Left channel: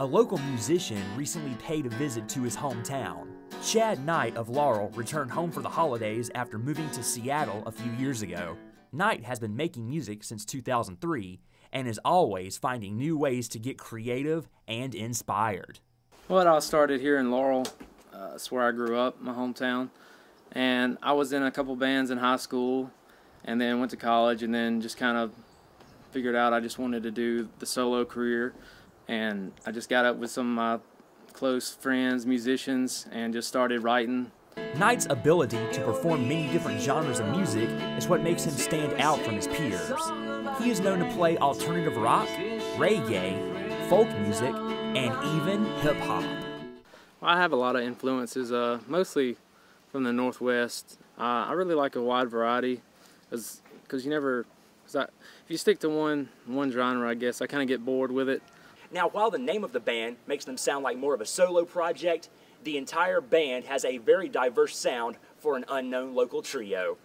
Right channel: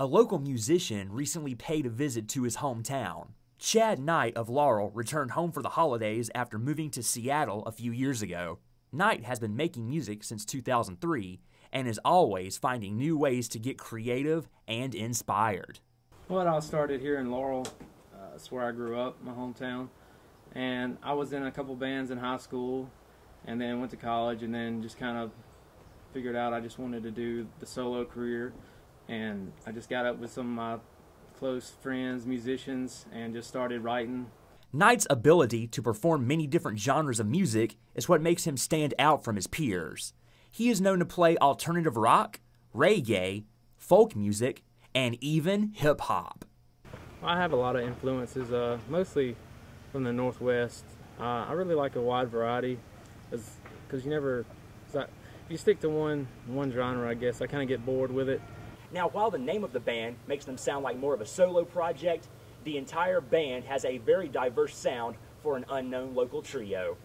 A local musician recently paid a visit to his hometown. Chad Knight of Laurel returned home for the holidays after moving to Seattle a few years ago. Knight has been making music since 2003 and is always finding new ways to get creative and inspired. Well, I started here in Laurel. It's where I grew up, my hometown. And I was in a couple bands in high school and then went to college and then just kind of figured out I just wanted to do the solo career. And I just got up with some of my close friends, musicians, and just started writing. Knight's ability to perform many different genres of music is what makes him stand out from his peers. He is known to play alternative rock, reggae, folk music, and even hip-hop. I have a lot of influences, mostly from the Northwest. I really like a wide variety, because if you stick to one genre, I guess, I kind of get bored with it. Now, while the name of the band makes them sound like more of a solo project, the entire band has a very diverse sound for an unknown local trio.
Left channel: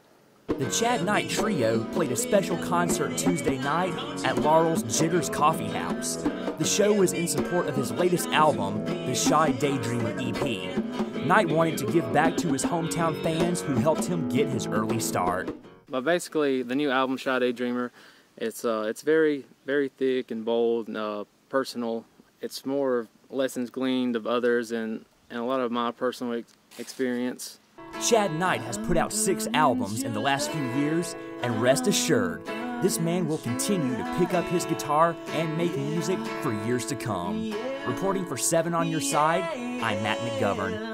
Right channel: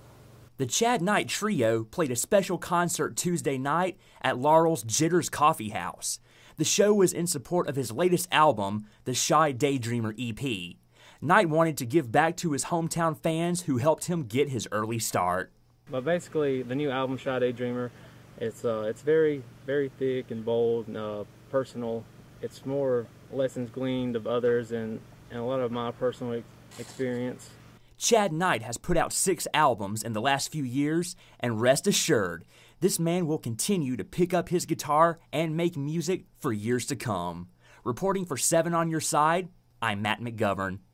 The Chad Knight Trio played a special concert Tuesday night at Laurel's Jitters Coffee House. The show was in support of his latest album, the Shy Daydreamer EP. Knight wanted to give back to his hometown fans who helped him get his early start. But basically, the new album, Shy Daydreamer, it's very, very thick and bold and personal. It's more lessons gleaned of others and a lot of my personal experience. Chad Knight has put out 6 albums in the last few years, and rest assured, this man will continue to pick up his guitar and make music for years to come. Reporting for 7 on Your Side, I'm Matt McGovern.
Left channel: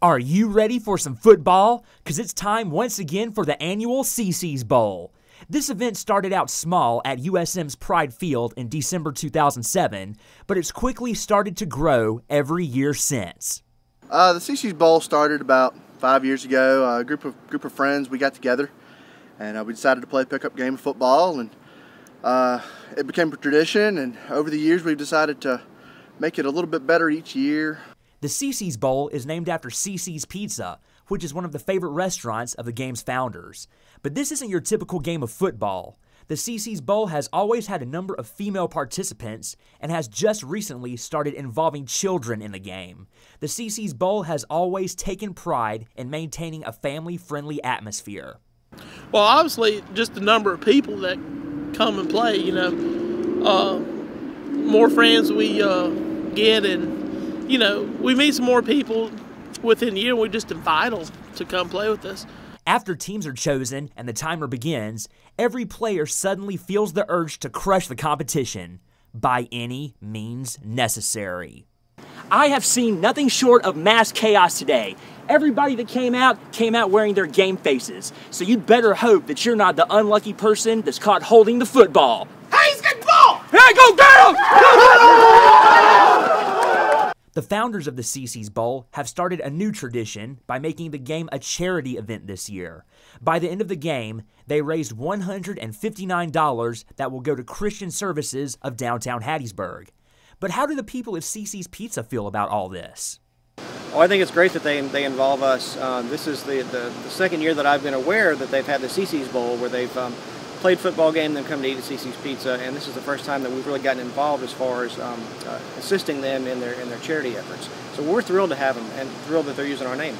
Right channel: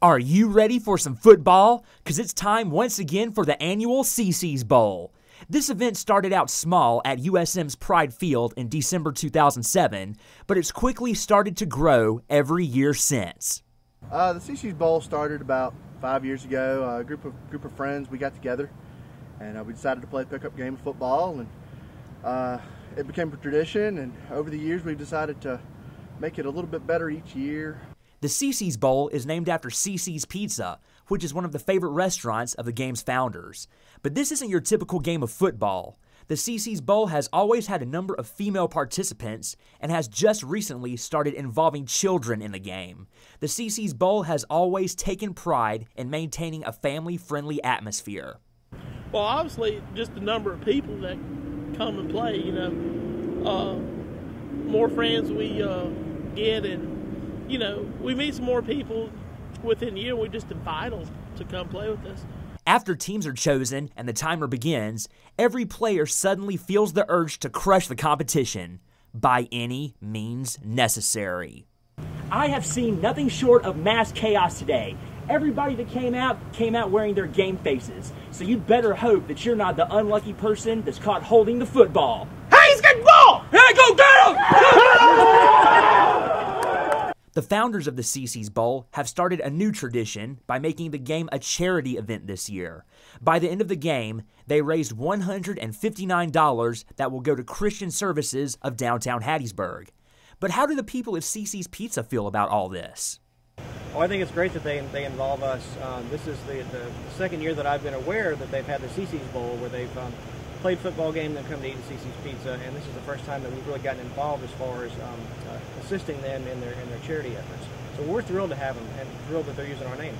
Are you ready for some football? Because it's time once again for the annual CCS Bowl. This event started out small at USM's Pride Field in December 2007, but it's quickly started to grow every year since. The CCS Bowl started about 5 years ago. A group of friends, we got together and we decided to play a pickup game of football, and it became a tradition, and over the years we've decided to make it a little bit better each year. The CCS Bowl is named after CC's Pizza, which is one of the favorite restaurants of the game's founders. But this isn't your typical game of football. The CCS Bowl has always had a number of female participants and has just recently started involving children in the game. The CCS Bowl has always taken pride in maintaining a family-friendly atmosphere. Well, obviously, just the number of people that come and play, more friends we get, and we meet some more people within the year. We just invite them to come play with us. After teams are chosen and the timer begins, every player suddenly feels the urge to crush the competition by any means necessary. I have seen nothing short of mass chaos today. Everybody that came out wearing their game faces. So you'd better hope that you're not the unlucky person that's caught holding the football. Hey, he's got the ball! Hey, go get him! The founders of the CCS Bowl have started a new tradition by making the game a charity event this year. By the end of the game, they raised $159 that will go to Christian Services of downtown Hattiesburg. But how do the people of CC's Pizza feel about all this? Well, I think it's great that they involve us. This is the second year that I've been aware that they've had the CCS Bowl, where they've played football game, then come to eat at CC's Pizza, and this is the first time that we've really gotten involved as far as assisting them in their charity efforts. So we're thrilled to have them and thrilled that they're using our name.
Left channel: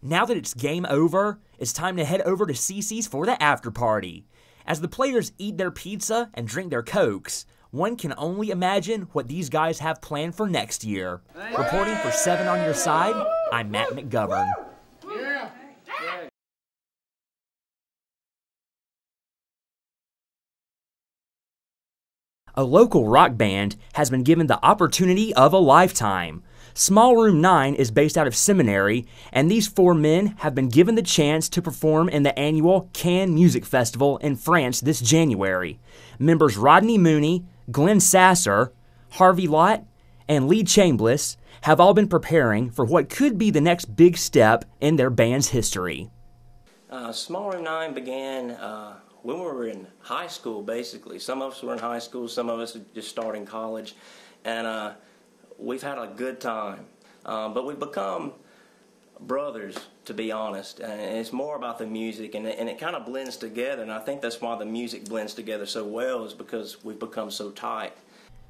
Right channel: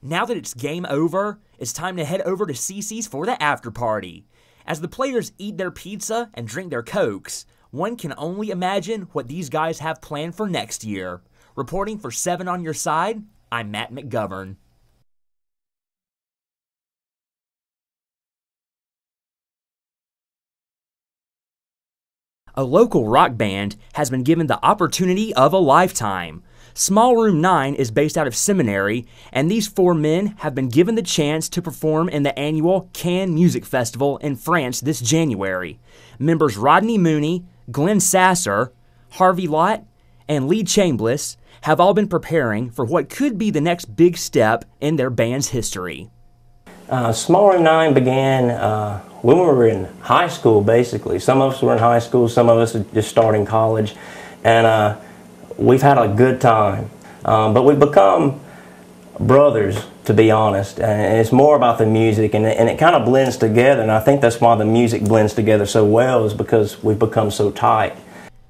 Now that it's game over, it's time to head over to CC's for the after party. As the players eat their pizza and drink their Cokes, one can only imagine what these guys have planned for next year. Reporting for 7 on Your Side, I'm Matt McGovern. A local rock band has been given the opportunity of a lifetime. Small Room 9 is based out of Seminary, and these 4 men have been given the chance to perform in the annual Cannes Music Festival in France this January. Members Rodney Mooney, Glenn Sasser, Harvey Lott, and Lee Chambliss have all been preparing for what could be the next big step in their band's history. Small Room 9 began when we were in high school, basically. Some of us were in high school, some of us just starting college, and we've had a good time. But we've become brothers, to be honest, and it's more about the music, and it kind of blends together, and I think that's why the music blends together so well, is because we've become so tight.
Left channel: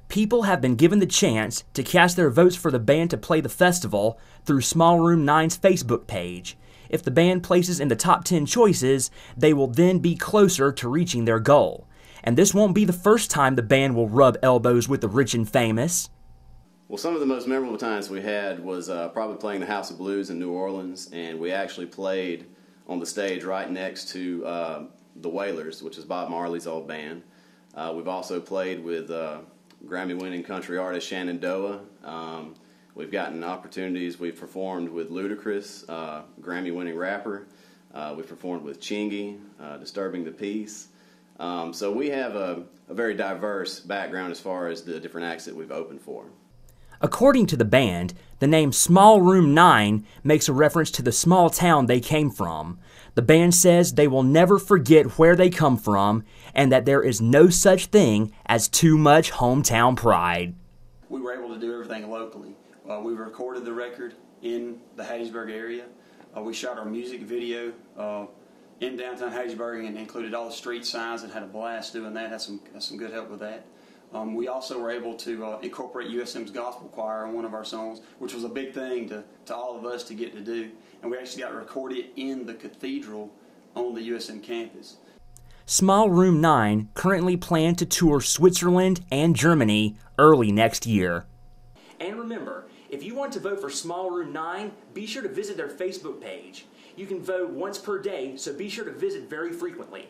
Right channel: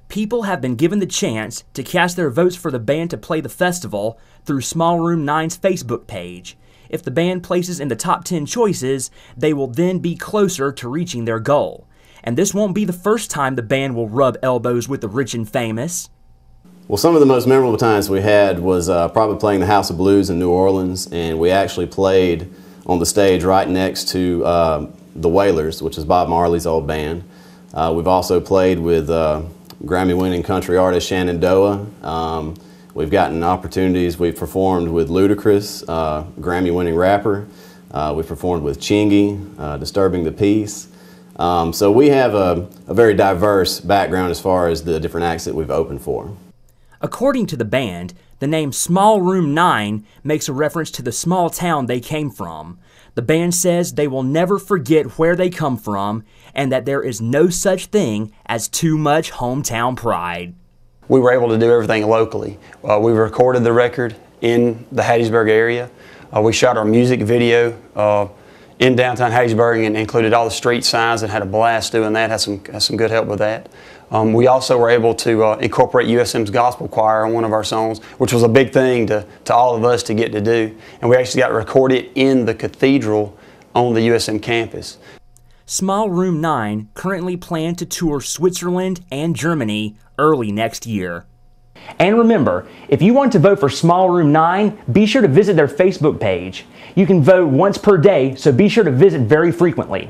People have been given the chance to cast their votes for the band to play the festival through Small Room 9's Facebook page. If the band places in the top 10 choices, they will then be closer to reaching their goal. And this won't be the first time the band will rub elbows with the rich and famous. Well, some of the most memorable times we had was probably playing the House of Blues in New Orleans, and we actually played on the stage right next to the Wailers, which is Bob Marley's old band. We've also played with Grammy-winning country artist Shenandoah. We've gotten opportunities. We've performed with Ludacris, Grammy-winning rapper. We've performed with Chingy, Disturbing the Peace. So we have a very diverse background as far as the different acts that we've opened for. According to the band, the name Small Room 9 makes a reference to the small town they came from. The band says they will never forget where they come from and that there is no such thing as too much hometown pride. We were able to do everything locally. We recorded the record in the Hattiesburg area. We shot our music video in downtown Hattiesburg and included all the street signs and had a blast doing that, had some good help with that. We also were able to incorporate USM's gospel choir on one of our songs, which was a big thing to all of us to get to do. And we actually got to record it in the cathedral on the USM campus. Small Room 9 currently plan to tour Switzerland and Germany early next year. And remember, if you want to vote for Small Room 9, be sure to visit their Facebook page. You can vote once per day, so be sure to visit very frequently.